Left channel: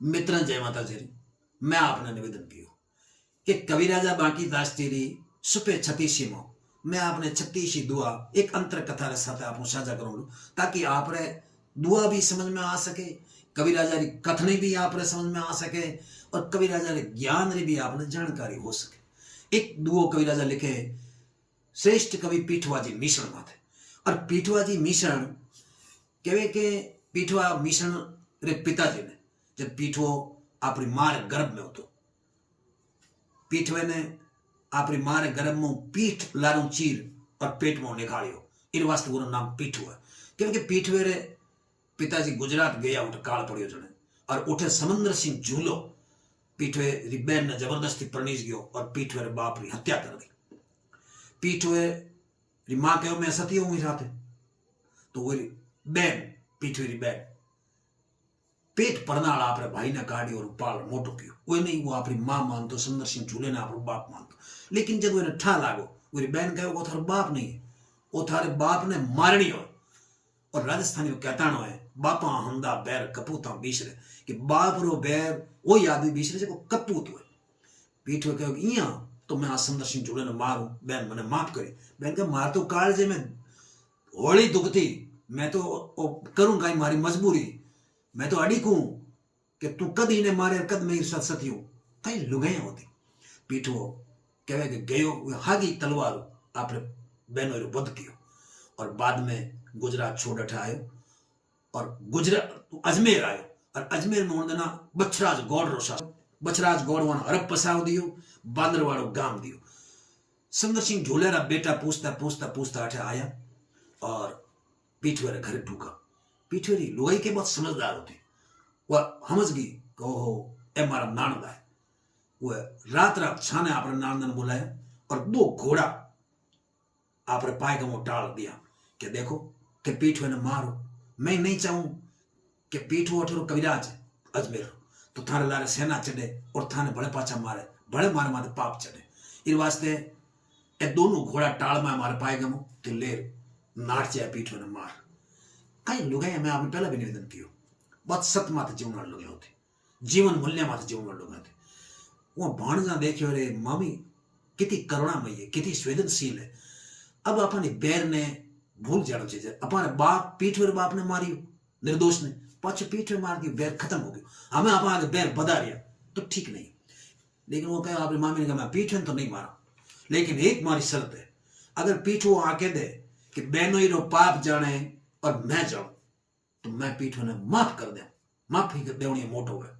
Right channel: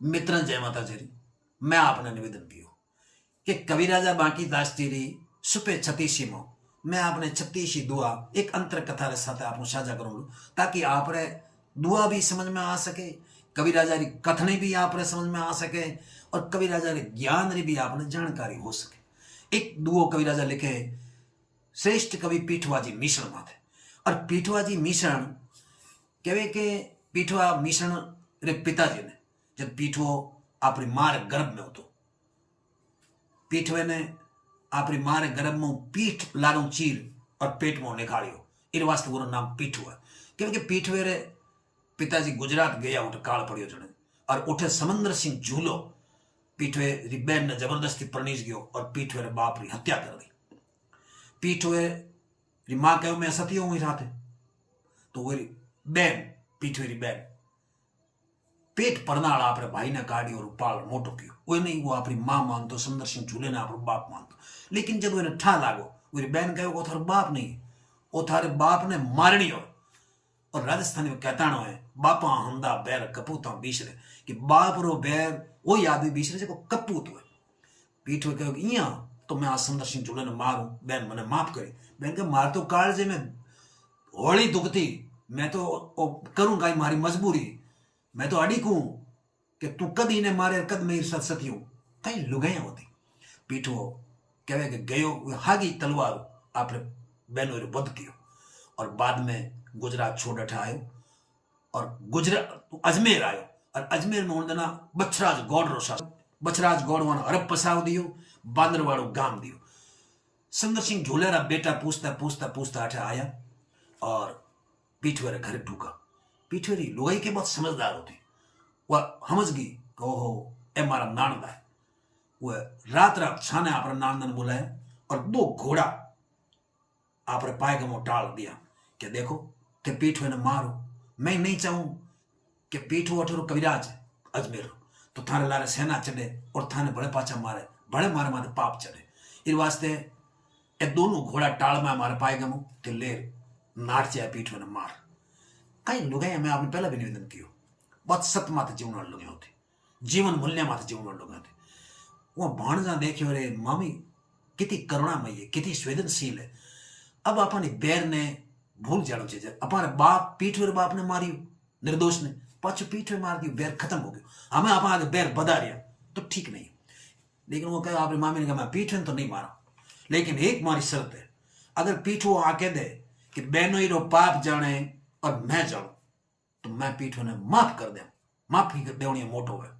मित्र जय माता जी। मैं आपने निवेदन कियो कि कविराजा बांकी दास जी री सुपे 36 में मैं आपने 36 दुआ एक अंतर कथा रे साथ आपको साझा करूँ ताकि आपरे दुआ भी समझ में आ सके, कविराजा री कथनी भी आपरे समझ में आ सके और कविराजा रे ज्ञान री भी आपने जानकारी हो सके। एक दुओ कविराजा लिखे श्रेष्ठ कवि पीठवाजी मिश्रण माथे और पीठवाजी मिश्रण कहे के पीठवा मिश्रण रे पिताजी ने जब पीठवो अपनी माँ रे गर्भ में होतो, पीठवे ने अपनी माँ रे गर्भ में पीठ लारू चीर और पेट में निकालियो, इन वास्ते वो नाम पीठवा। क्योंकि पीठवे रे पिताजी गुजरात गया उठ काल पड़ियो जने और उठे समंदर सिंह झूलो पीठवे री बहन ने जबरदस्ती परनीस गयो और पीठवे रे बाप री हत्या कर दी। पीठवे री माँ कहो मैं सती हूं राते, तो वो बहन पीठवे री बहन पेट परनाल आपरे भाई ने काढ़ी और पाल मोटो कियो। वो नहीं वो अपनी मां मानतो, सुंदर सिंह झूले ने आपरो बाप मानतो। लेकिन जब वो ठा लागो वो बहन कहो वो थारो बाप नहीं है, वो थारे बाप ने मारनी हो। और राजस्थानी कहताणो है बापा हंदा बैर कपूता बीसरे कि बाप रो बैर वो आदमी बीसरे जो कपूत हुए। पीठ में कहो इं तो मैं आ सुंदर सिंह झूले ने मारू, बहन मैंने माफ करी। बहन के मार तो काल जे मैं होली दुखती मैं तो करूंगा मारी मजबूरी, मैं तो अड़ी कहूं कि तू कद इन्हें मारे कद मेरी साथ सती हूं कई लुगाइया होती। पीठो कहे कि गयो हागी तलवार आपने बहनों रो वध कियो और बाद में गुजरात छोड़ अठा आयो और गुजरात अजमेर आयो और अजमेर में उन्होंने बछराज गौड़ रो शासन, बछराज गौड़ वन अरब पसाव दियो, बांदर वालों गाम दियो। सुंदर सिंह झूलेरा बेटा पूछता पूछता पूछता अठा आया और पीठवे घर ढूका। पीठवेरी लुगाई के बहुत समझदार होती, वह समझ गई कि ओहो ए मारा नानदा है। वह रात रात छाने आपने नानदन बुलाया और 2 घोड़ा आपने पायगमो टाल दिया कि देखो ते पीठवे ने मारो, मैं नहीं चाहूं कि पीठो अठरो कविराज अजमेर तो थाने लारे सेना चढ़े और थाने बड़े पाछा मारे, बड़े मारे माथे पाप चढ़े। इन वास्ते ए दोनों घोड़ा टाल में मारे पायगमो ते लेर नारचे पीठवे ने मार। कई लुगाई मैं आपने पहला भी निवेदन कियो बहुत सत्य माथे जीवन लुगाई होती, जीवन मूल्य माथे जीवन लुगाई होती। वो भाणजा देखियो रे मम्मी कितनी करुणामयी है, कितनी संवेदनशील है। अब अपनी बैर ने भूल जानो चाहिए, अपने बाप पीठवेर बाप ने मारियो निर्दोष ने पाछो पीठवे मार दियो, बैर खत्म हो गयो। हमें अपना आगे बैर बधा रिया तो ठीक नहीं। लेकिन वो कहे आपने मामी ने कहा मैं पीठवे तो नहीं मारा, लेकिन एक मारी शर्त है, अगर पीठो आके दे कि बहनों रो पाप जाने और मैं जाऊं तो मैं पीठवे ने माफ कर दे, माफी देवनी मोटो है।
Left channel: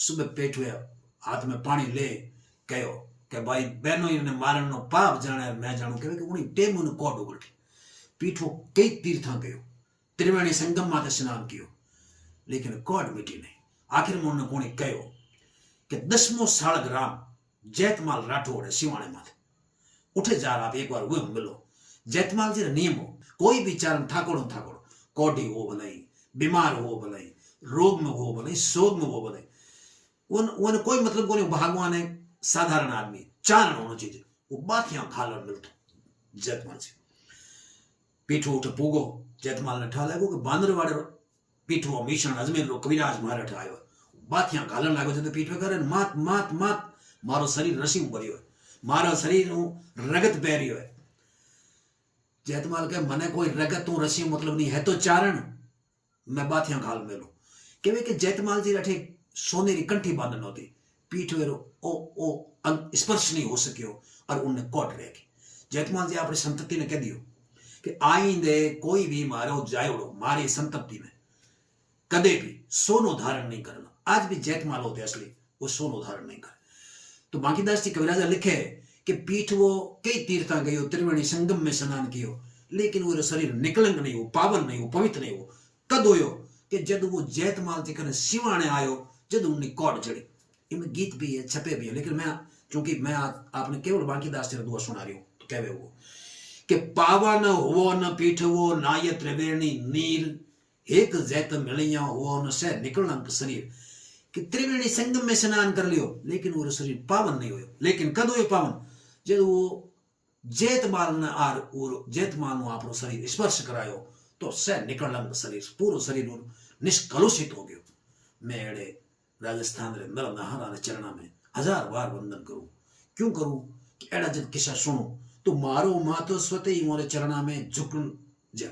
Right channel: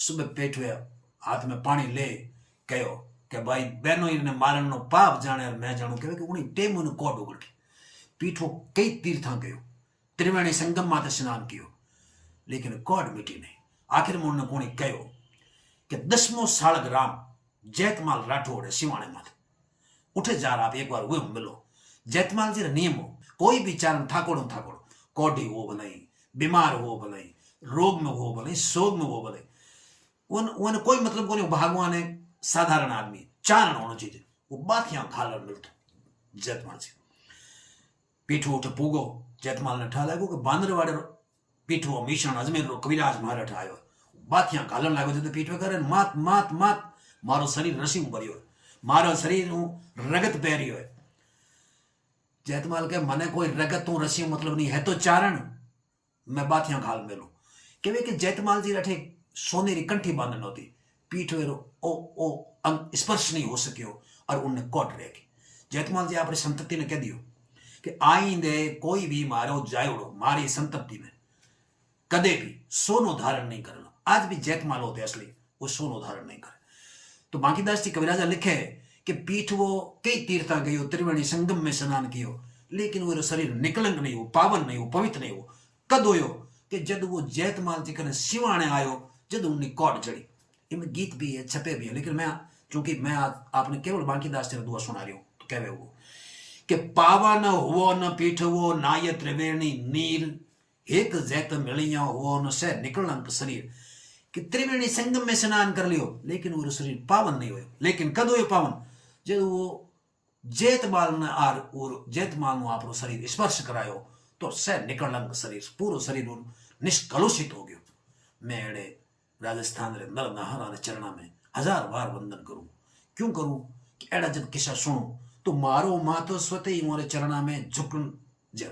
सुबह पीठवे हाथ में पानी ले कहो कि भाई बहनों ने मारनो पाप जाने मैं जानू कहे कि उन्हीं टेम उन्हें कोड उगटी। पीठो कई तीर्था गयो, त्रिवेणी संगम माते स्नान कियो, लेकिन कोड मिटी नहीं। आखिर में उन्होंने कोणी कहो कि 10मो सालग राम जैतमाल राठौड़ है सिवाणे माथे उठे जा रहा आप एक बार वो मिलो। जैतमाल जी नियम हो कोई भी चारण ठाकोड़ो ठाकोड़ो कोडी हो भलाई, बीमार हो भलाई, रोग में हो भलाई, शोक में हो भलाई, उन कोई मतलब को नहीं। भगवान है साधारण आदमी चारण होना चाहिए, वो बाकियां खालर मिलतो। जैतमाल जी पीठो उठ पूगो, जैतमाल ने ठा लागो कि बांदर वाड़े पीठो मिश्रण अजमेर रो कविराज मारे ठायो बाकियां घालन लागो तो पीठो करे मात मात मात मारो शरीर रसी भरियो है, मारो शरीर रगत पहरियो है। जैतमाल के मने कोई रगत तू रसी मतलब नहीं है तो चारण मैं बातियां घाल मेलू केवे कि जैतमाल जी अठे सोनेरी कंठी बांधन होती, पीठ वेरो ओ ओ स्पर्श नहीं हो सकियो और उनने कोट रहेगी। जैतमाल जी आपने संतति ने कह दियो कि आईंदे कोई भी मारो जायोड़ो मारी संतति में कदे भी सोनो धारण नहीं करना। आज भी जैतमाल होते असली वो सोनो धारण नहीं करे। तो बांकीदास जी कविराजा लिखे कि पीठ वो कई तीर्था गयो, त्रिवेणी संगम में स्नान कियो, लेकिन वो शरीर निकलंक नहीं हो, पावन नहीं हो, पवित्र नहीं हो। कद होयो कि जद वो जैतमाल जी कने सिवाणे आयो, जद उनकी कोट चढ़ी। इनमें गीत भी है, छपे भी है, लेकिन मैं चूंकि मैं आपने केवल बांकीदास जी दुआ सुना रही हूं तो कहवे वो कि पावन हुओ न पीठ वो नाय त्रिवेणी नीर, एक जैत मिलिया हुओ न से निकलंक शरीर। कि त्रिवेणी संगम में स्नान कर लियो लेकिन वो शरीर पावन नहीं होयो। लेकिन कद होयो पावन जब वो जैतमाल ने आर और जैतमाल नो आपरो शरीर स्पर्श करायो तो से निकलंक शरीर पूरो शरीर निष्कलुषित हो गयो। मैं एड़े राजस्थान रे नर नहारा रे चरणा में 1000 बार वंदन करूं। क्यों करूं कि एड़ा जब किस्सा सुनो तो मारो मातो स्वते ही मोरे चरणा में झुकन जा